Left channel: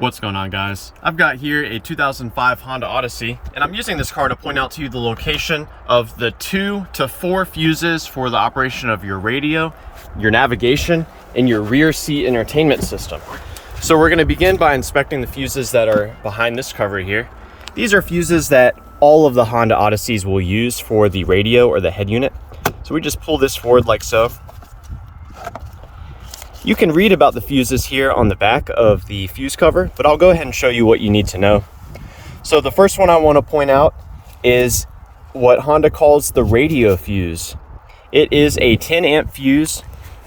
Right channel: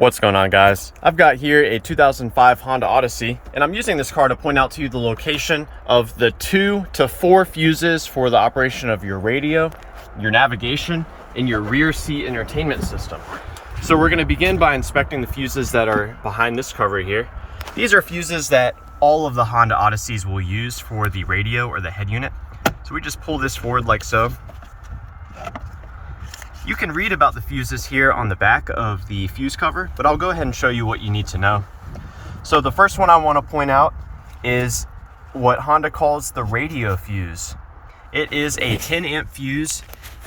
What's going on, guys? I've got here a 2005 Honda Odyssey, and I'm using this car to point out to you the location of the 2 to 4 fuses for the operation of your radio, your navigation, and your rear seat entertainment system. So we're going to begin by inspecting the fuses that are behind this cover here. These are fuses that all of the Honda Odysseys will use for the radio or the head unit. So we just pull this forward like so. You can read about the fuses here on the back of the fuse cover, but I'll go ahead and show you what you need to know. So the first one I want to point out is what Honda calls the radio fuse. It is a 10 amp fuse,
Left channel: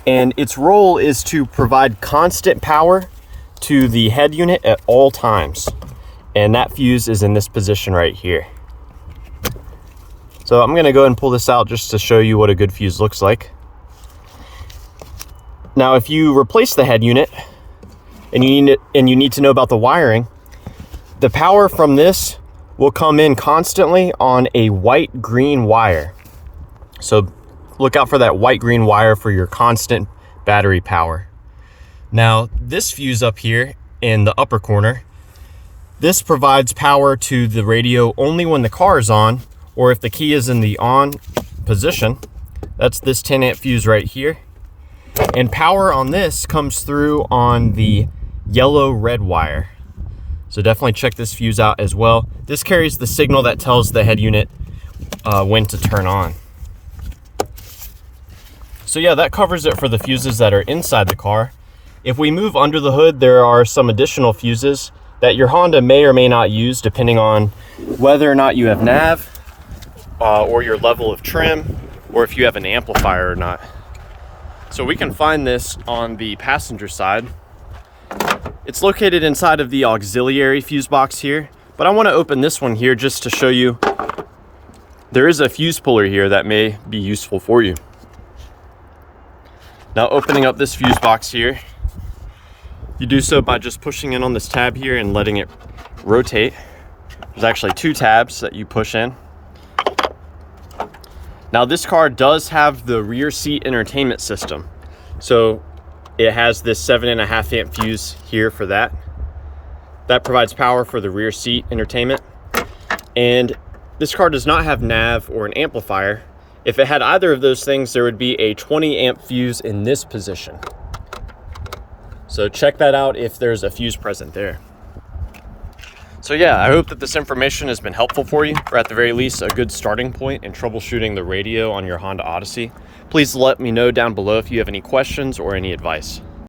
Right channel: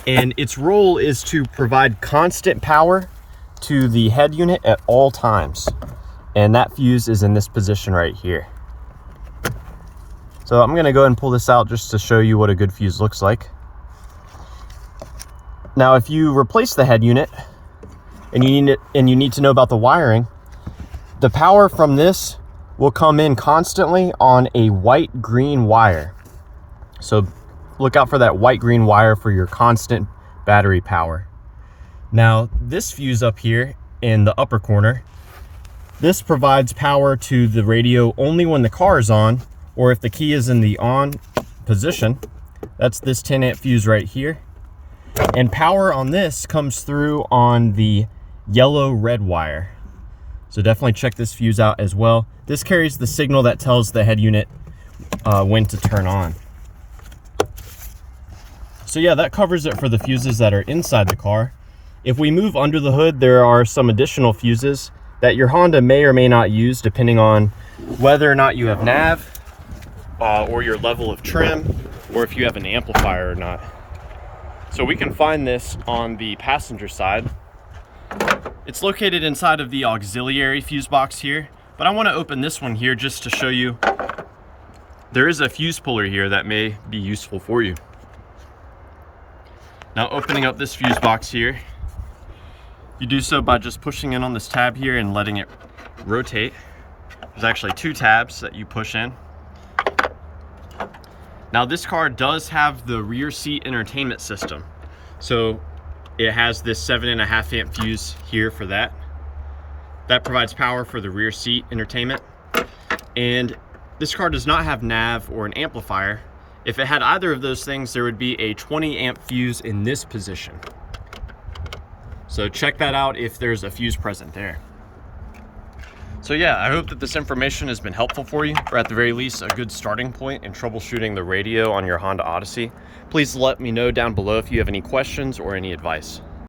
and its role is to provide constant power to the head unit at all times. And that fuse is in this position right here. So I'm going to go ahead and pull this out just to show you what a good fuse looks like. Now, if you replace the head unit and you need to know about the wiring, the power from this will come in constantly on a white-green wire. So look out for that white-green wire for your constant battery power. Now, this fuse up here in the upper corner, this provides power to the radio only when the car is on, or if the key is in the on position. That's this 10 amp fuse right here. And power on this comes through on the yellow-red wire. So definitely check this fuse out as well. This carries the signal that tells the head unit when to turn on. So yeah, that covers it for the fuses that are inside the car. If we move under the hood, there are some additional fuses that your Honda may or may not use depending on whether or not you have nav, or your level of trim, or if you have an amplifier or not. So we can find this on the passenger side. It's located inside of the auxiliary fuse box here, but I want to open this one here just to show you there is a fuse puller here that may be useful for you. Now, opening up this fuse box here, you do so by just pushing in on this tab here and letting it rotate. There's actually 2 tabs that you push in. Now, this car does have the rear seat entertainment system. So it has this 7.5 amp fuse here for that. That provides power for the rear seat entertainment. And this car does not have nav or an amplifier. If it had either of those things, there would be a 20 amp fuse in this position. So check that out if there's a fuse present there. So yeah, I hope that this information has been helpful for you, or at the very least, a good starting point in troubleshooting the radio on your Honda Odyssey. Please let me know down below if you have any questions or any advice.